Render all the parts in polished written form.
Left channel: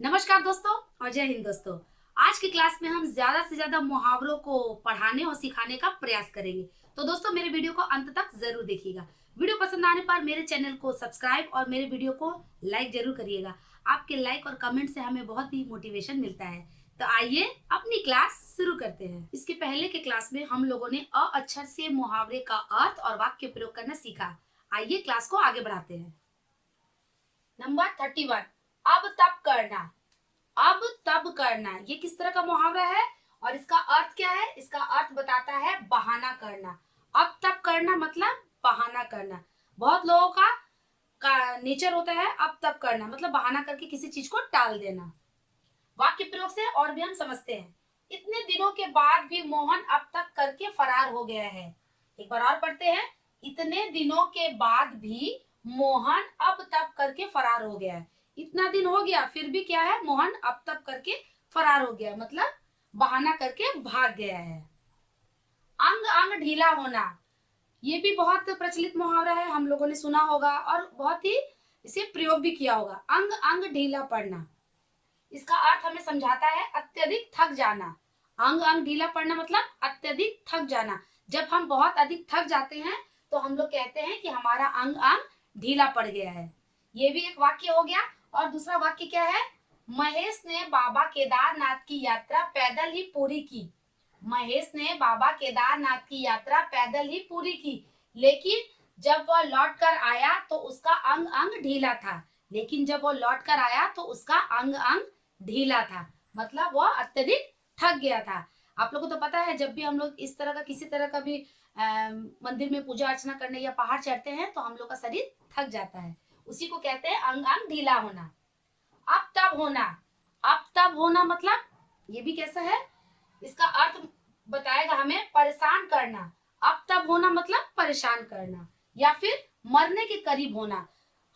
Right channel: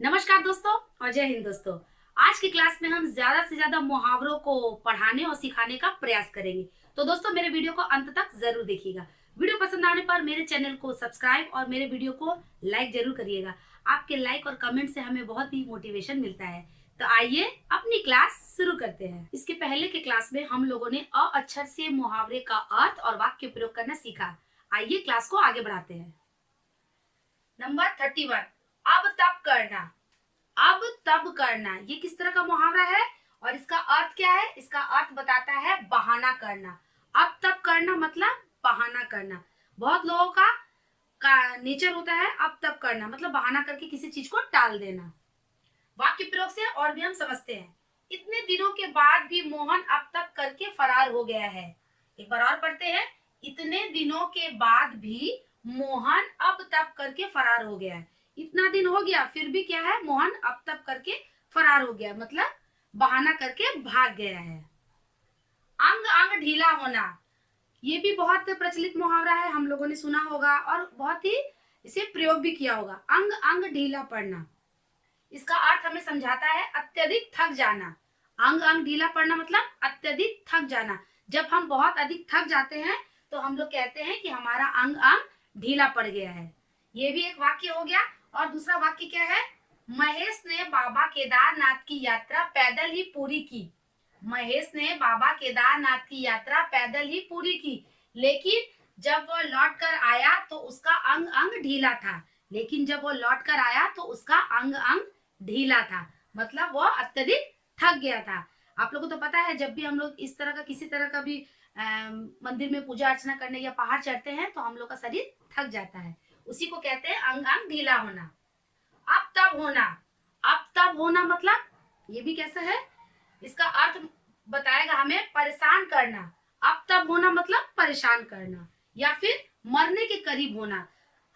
नमस्कार दोस्तों और जय हिंद दोस्तों। आज की क्लास में हम ज्यादा से ज्यादा मुहावरों को पढ़ाने और सिखाने का प्रयास करेंगे। तो दोस्तों मेरे वीडियो को अंत तक जरूर देखिएगा। वीडियो पसंद आने पर मेरे चैनल को सब्सक्राइब और मेरे वीडियो को लाइक जरूर करिएगा। आपके लाइक और कमेंट से हमें बहुत ही मोटिवेशन मिलता है। तो आइए अपनी क्लास शुरू करते हैं। इसके पहले के क्लास में हम लोगों ने अ अक्षर से मुहावरे का अर्थ और वाक्य प्रयोग करना सीखा। आइए क्लास को आगे बढ़ाते हैं। नंबर 31, अब तब करना। अब तब करना ये किस तरह का मुहावरा है और इसका अर्थ क्या है? इसका अर्थ बताता है बहाना करना। अब तब करना मतलब बहाना करना। बहुत लोगों का नेचर होता है अब तब करना मतलब बहाना करके किसी चीज को टाल देना। वाक्य प्रयोग से और भी हम समझते हैं। इतने दिनों के बाद भी मोहन अब तक करके फरार हो गया है। एक बार और पढ़ते हैं। इतने दिनों के बाद भी मोहन अब तक करके फरार हो गया है। इतना दिन हो गया फिर भी क्या है? मोहन अब तक करके फरार हो गया मतलब बहाना करके भाग गया है। अंग अंग ढीला होना ये भी बहुत प्रचलित मुहावरा है, हम लोगों ने सुना होगा और बहुत ही इसे प्रयोग भी किया होगा। अंग अंग ढीला पड़ना, इसका अर्थ हमें समझाता है अत्यधिक थक जाना। अंग अंग ढीला पड़ना मतलब अत्यधिक थक जाना। जब हम बहुत अधिक थक जाते हैं तो हम लोग कहते हैं कि हमारा अंग अंग ढीला पड़ गया है। ये भी एक वाक्य हो गया। और दूसरा वाक्य क्या है? महेश ने बाबा केदारनाथ की यात्रा पैदल ही पूरी की। महेश ने बाबा केदारनाथ की यात्रा पैदल ही पूरी की, लेकिन जब वह लौट कर आया तो उसका अंग अंग ढीला था। लेकिन जब वो लौट कर आया तो उसका अंग अंग ढीला था मतलब वह अत्यधिक थक गया था। आप लोगों को तो पता है जब भी हम लोग इस तरह का किसी तरह का भी मंदिर में पूजा अर्चना करने या पहाड़ चढ़ते हैं तो हम लोग का शरीर थक जाता है। उसी को कहते हैं अंग अंग ढीला होना। अब तब होना, अब तब होना मतलब ये भी कैसा है? इसका अर्थ बताएगा हमें परेशान करना। अब तब होना मतलब परेशान करना या फिर मरने के करीब होना।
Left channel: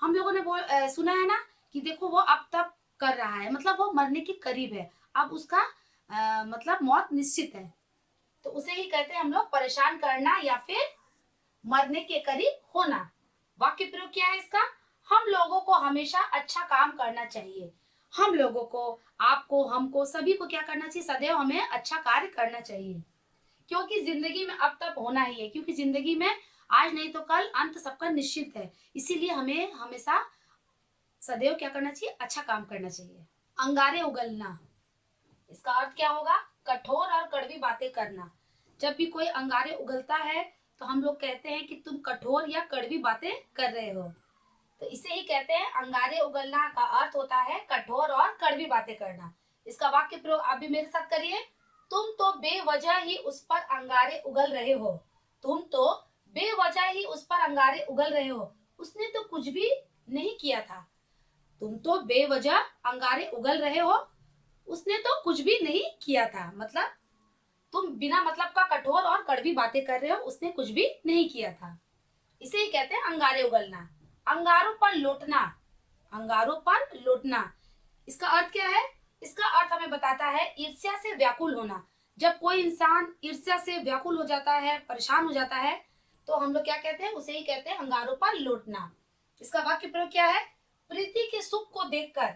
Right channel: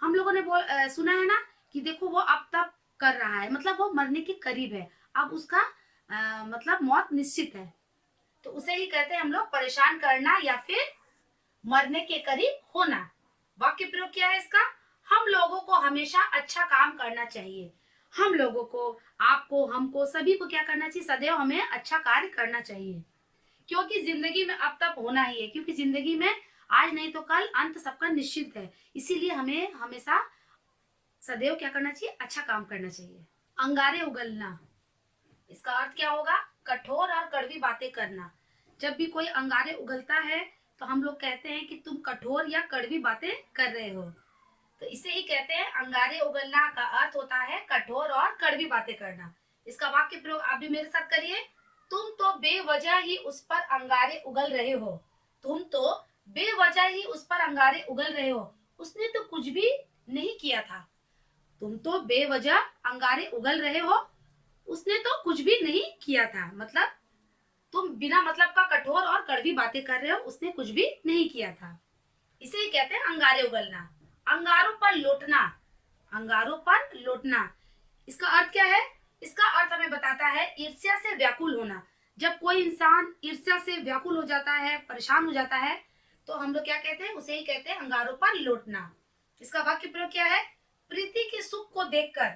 हम लोगों ने सुना है ना कि देखो वो अब तब कर रहा है मतलब वो मरने के करीब है। अब उसका मतलब मौत निश्चित है। तो उसे ही कहते हैं हम लोग परेशान करना या फिर मरने के करीब होना। वाक्य प्रयोग क्या है इसका? हम लोगों को हमेशा अच्छा काम करना चाहिए। हम लोगों को, आपको, हमको, सभी को क्या करना चाहिए? सदैव हमें अच्छा कार्य करना चाहिए, क्योंकि जिंदगी में अब तक होना ही है। क्योंकि जिंदगी में आज नहीं तो कल अंत सबका निश्चित है। इसीलिए हमें हमेशा सदैव क्या करना चाहिए? अच्छा काम करना चाहिए। अंगारे उगलना, इसका अर्थ क्या होगा? कठोर और कड़वी बातें करना। जब भी कोई अंगारे उगलता है तो हम लोग कहते हैं कि तुम कठोर या कड़वी बातें कर रहे हो। तो इसे ही कहते हैं अंगारे उगलना। का अर्थ होता है कठोर और कड़वी बातें करना। इसका वाक्य प्रयोग आप भी मेरे साथ करिए। तुम तो बेवजह ही उस पर अंगारे उगल रहे हो। तुम तो बेवजह ही उस पर अंगारे उगल रहे हो। उसने तो कुछ भी नहीं किया था। तुम तो बेवजह अंगारे उगल रहे हो, उसने तो कुछ भी नहीं किया था मतलब तुम बिना मतलब का कठोर और कड़वी बातें कर रहे हो, उसने कुछ भी नहीं किया था। इसे ही कहते हैं अंगारे उगलना। अंगारों पर लौटना, अंगारों पर लौटना, इसका अर्थ क्या है? इसका अर्थ हमें बताता है ईर्ष्या से व्याकुल होना। जब कोई इंसान ईर्ष्या से व्याकुल हो जाता है, परेशान हो जाता है, तो हम लोग क्या कहते हैं? उसे ही कहते हैं अंगारों पर लौटना। इसका वाक्य प्रयोग क्या है? प्रीति के सुख को देखकर,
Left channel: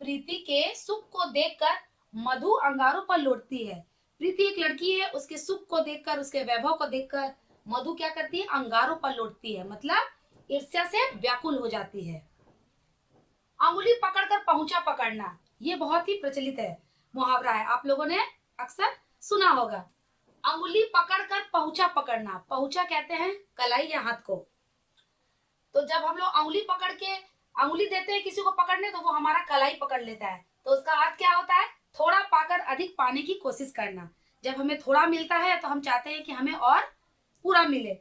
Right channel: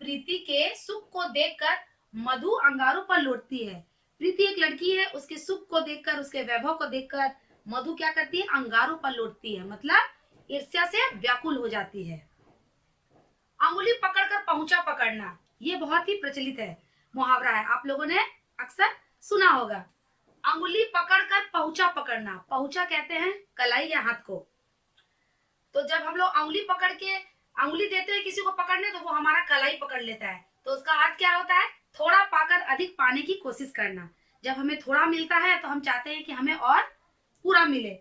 प्रीति के सुख को देखकर मधु अंगारों पर लौटती है। प्रीति एक लड़की है, उसके सुख को देखकर, उसके वैभव को देखकर मधु क्या करती है? अंगारों पर लौटती है मतलब ईर्ष्या से व्याकुल हो जाती है। अंगुली पकड़कर पहुंचा पकड़ना, ये बहुत ही प्रचलित है, मुहावरा है, आप लोगों ने अक्सर सुना होगा। अंगुली पकड़कर पहुंचा पकड़ना, पहुंचा कहते हैं कलाई या हाथ को। तो जब हम लोग अंगुली पकड़ के अंगुली देते हैं किसी को पकड़ने तो वो हमारा कलाई पकड़ लेता है। तो उसका अर्थ क्या होता है? थोड़ा पाकर अधिक पाने की कोशिश करना। जब हमें थोड़ा मिलता है तो हम चाहते हैं कि हमें और पूरा मिले।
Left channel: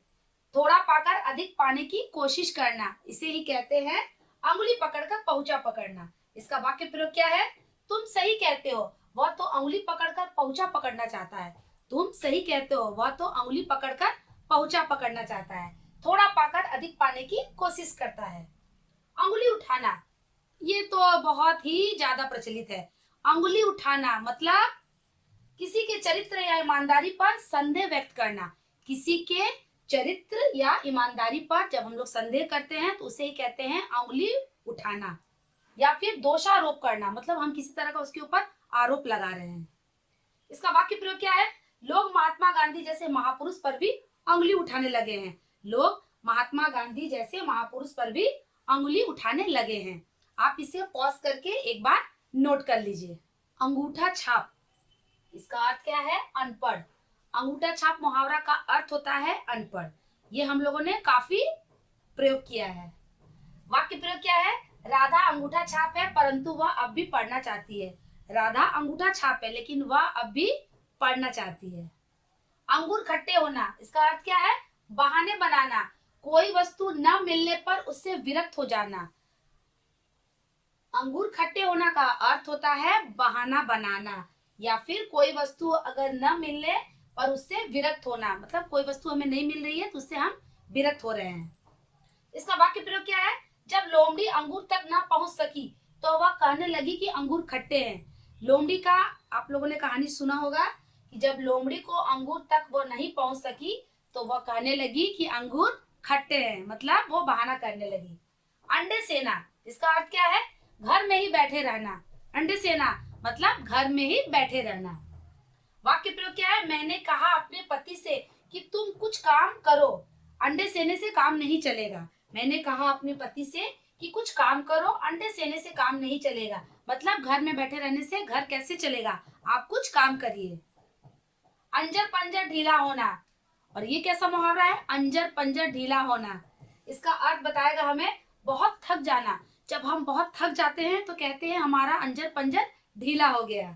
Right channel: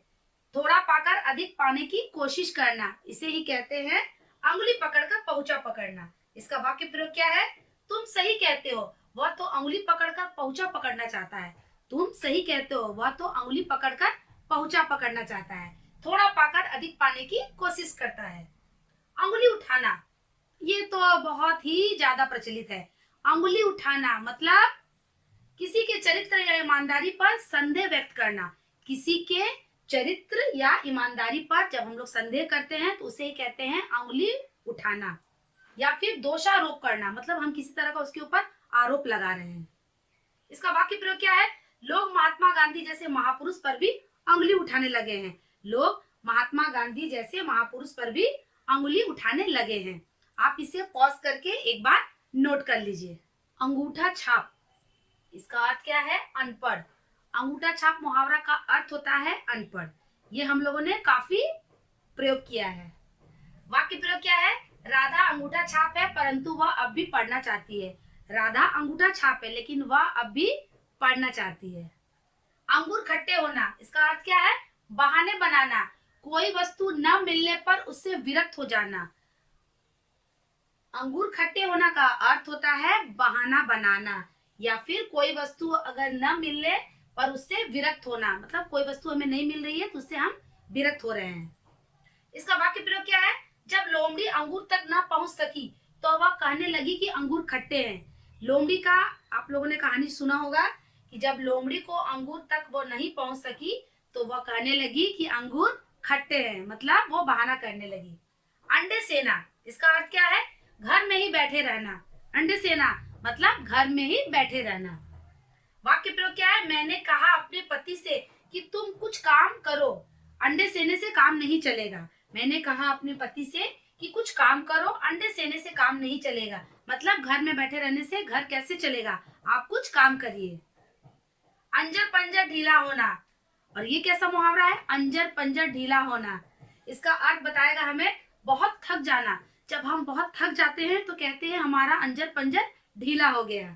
थोड़ा पाकर अधिक पाने की कोशिश करना, इसे ही कहते हैं अंगुली पकड़कर पहुंचा पकड़ना। इसका वाक्य प्रयोग क्या है? तुम सही कहते हो, वह तो अंगुली पकड़कर पहुंचा पकड़ना चाहता है। तुम सही कहते हो, वह तो अंगुली पकड़कर पहुंचा पकड़ना चाहता है। थोड़ा पाकर अधिक पाने की कोशिश करता है। अंगुली उठाना, ये तो बहुत ही ज्यादा प्रचलित है। अंगुली उठाना मतलब किसी के चरित्र या ईमानदारी पर संदेह व्यक्त करना। किसी के चरित्र या ईमानदारी पर जब हम लोग संदेह करते हैं तो उसे ही कहते हैं अंगुली उठाना। या फिर दोषारोप करना, मतलब हम किसी तरह का उसके ऊपर आरोप लगा रहे हैं। इसका वाक्य प्रयोग क्या है? लोग महात्मा गांधी जैसे महापुरुष पर भी अंगुली उठाने लगे हैं। लोग महात्मा गांधी जैसे महापुरुष पर भी अंगुली उठाने लगे हैं। आप इसे पॉज करके एक बार नोट कर लीजिए। अंगूठा छाप, इसका अर्थ क्या है? अनपढ़। अंगूठा छाप मुहावरा का अर्थ होता है अनपढ़। ये हम लोगों ने काफी प्रयोग किया है। वाक्य प्रयोग क्या है? राधा अंगूठा छाप है परंतु वह अब भी पढ़ना चाहती है। राधा अंगूठा छाप है लेकिन वह अब भी पढ़ना चाहती है। अंगूर खट्टे होना, इसका अर्थ क्या है? बहाने बनाना, कोई वस्तु न मिलने पर उससे विरक्त हो जाना। अंगूर खट्टे होना का अर्थ होता है बहाना बनाना, या फिर कोई वस्तु अगर न मिलने पर उससे विरक्त होना, मतलब कोई वस्तु हमें नहीं मिल रही है तो उससे हम विरक्त हो रहे हैं। इसका वाक्य प्रयोग क्या है? जब लोमड़ी अंगूर तक न पहुंच सकी तो वह कहने लगी कि अंगूर खट्टे हैं। लोमड़ी का आप लोगों ने कहानी सुना होगा कि जब लोमड़ी को अंगूर तक वो नहीं पहुंच सकी तो वह कहने लगी कि अंगूर खट्टे हैं, मतलब वो बहाना करने लगी। अंडे सेना, इसका अर्थ क्या है? घर में ही बैठे रहना। अंडे सेना मतलब घर में ही बैठे रहना। वाक्य प्रयोग क्या है? मैंने कहा अपने पति से कि तुम कुछ काम करो। अंडे सेने से काम नहीं चलेगा। मैंने कहा अपने पति से कि कुछ काम करो, अंडे सेने से काम नहीं चलेगा, मतलब घर में बैठे रहने से घर कैसे चलेगा, आप कुछ काम करिए। अंजर पंजर ढीला होना, और ये कैसा मुहावरा है? अंजर पंजर ढीला होना। इसका अर्थ बताएगा हमें बहुत थक जाना। जब हम बहुत थक जाते हैं तो कहते हैं हमारा अंजर पंजर ढीला हो गया।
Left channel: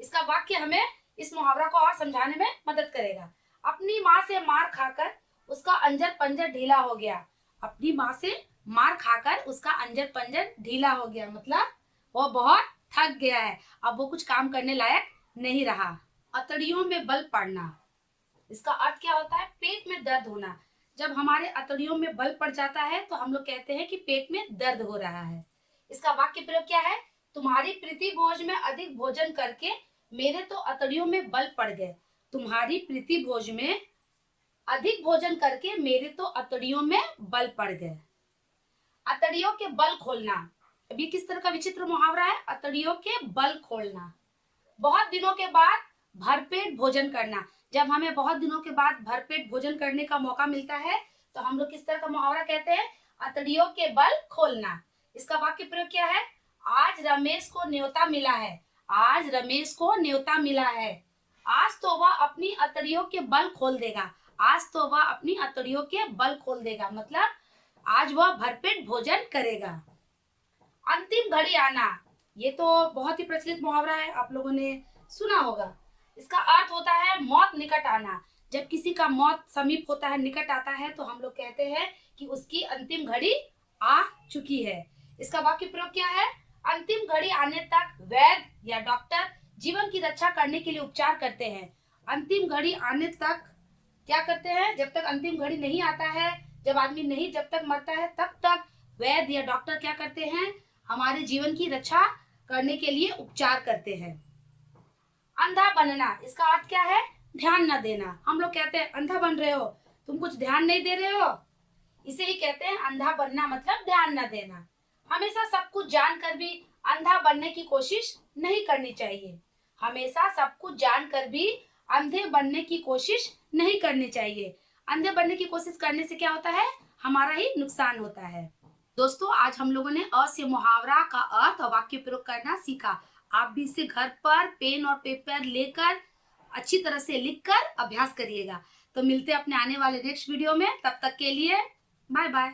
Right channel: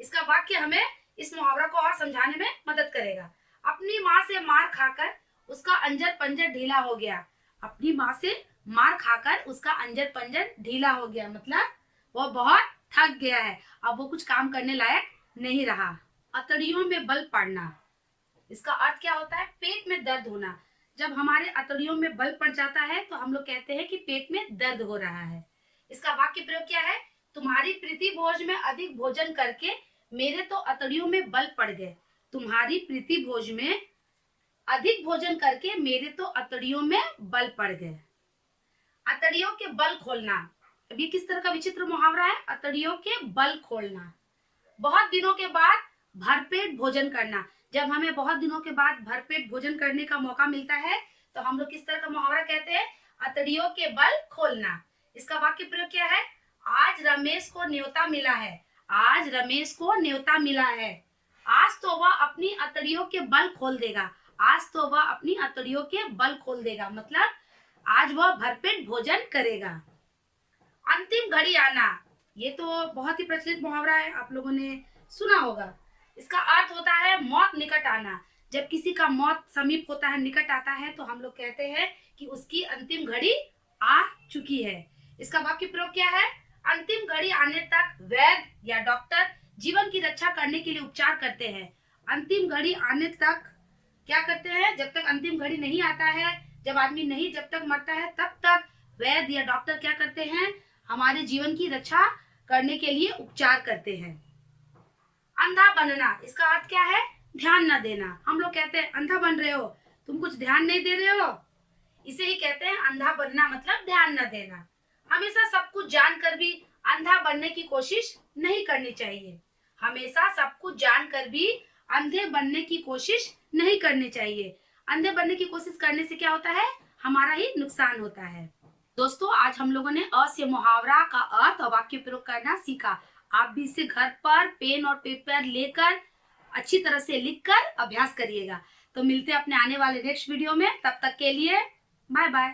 इसका वाक्य हमें इस मुहावरा को और समझाने में मदद करेगा। अपनी माँ से मार खाकर उसका अंजर पंजर ढीला हो गया। अपनी माँ से मार खाकर उसका अंजर पंजर ढीला हो गया, मतलब वो बहुत थक गया है, अब वो कुछ काम करने लायक नहीं रहा। अतड़ियों में बल पड़ना, इसका अर्थ क्या होता है? पेट में दर्द होना। जब हमारे अतड़ियों में बल पड़ जाता है तो हम लोग कहते हैं कि पेट में दर्द हो रहा है। इसका वाक्य प्रयोग क्या है? तुम्हारी प्रीति भोज में अधिक भोजन करके मेरे तो अतड़ियों में बल पड़ गए। तुम्हारी प्रीति भोज में अधिक भोजन करके मेरे तो अतड़ियों में बल पड़ गए। अतड़ियों के बल खोलना, अभी किस तरह का विचित्र मुहावरा है? अतड़ियों के बल खोलना। बहुत दिनों के बाद भरपेट भोजन करना, जब हमें बहुत दिनों के बाद भरपेट भोजन करने का मौका मिलता है तो हम लोग किस तरह का मुहावरा कहते हैं? अतड़ियों के बल खोलना। इसका वाक्य प्रयोग क्या है? आज रमेश को न्योता मिला है। आज रमेश को न्योता मिला है। आज तो वह अपनी अतड़ियों के बल खोल देगा। आज तो वह अपनी अतड़ियों के बल खोल देगा, मतलब आज वह भरपेट भोजन करेगा। अंतिम घड़ी आना, ये तो बहुत ही प्रचलित मुहावरा है, आप लोगों ने सुना होगा। इसका अर्थ होता है मौत निकट आना। जब किसी का मौत समीप होता है, निकट आता है, तो हम लोग कहते हैं कि उसकी अंतिम घड़ी आ चुकी है। इसका वाक्य प्रयोग क्या है? अंतिम घड़ी आने तक वैद्य या डॉक्टर जीवन की रक्षा करने के लिए उपचार करते हैं। अंतिम घड़ी आने तक क्या करते हैं? जब तक अंतिम घड़ी नहीं आता है, जब आदमी नहीं जब तक मरता है, तब तक वैद्य या डॉक्टर क्या करते हैं? हमारे जीवन की रक्षा करने के लिए उपचार करते हैं। अंधा बनना, इसका अर्थ क्या है? ध्यान न देना। हम लोग कहते हैं अंधा बन रहे हो, तुम कुछ ध्यान नहीं दे रहे हो, इसे ही कहते हैं अंधा बनना, मतलब ध्यान न देना। हमेशा सब कुछ जानकर भी अंधा बनने की कोशिश नहीं करनी चाहिए। हमेशा सब कुछ जानकर भी अंधे बनने की कोशिश नहीं करनी चाहिए। अंधे बनने की कोशिश करने से क्या होता है? हमारा ही नुकसान होता है। दोस्तों, आज हम लोगों ने अ से मुहावरा का अर्थ और वाक्य प्रयोग करना सीखा। आप भी इसे घर पर पेन और पेपर लेकर अच्छी तरह से लिखकर अभ्यास करिएगा। तो मिलते हैं अपने आने वाले नेक्स्ट वीडियो में, तब तक के लिए बाय बाय।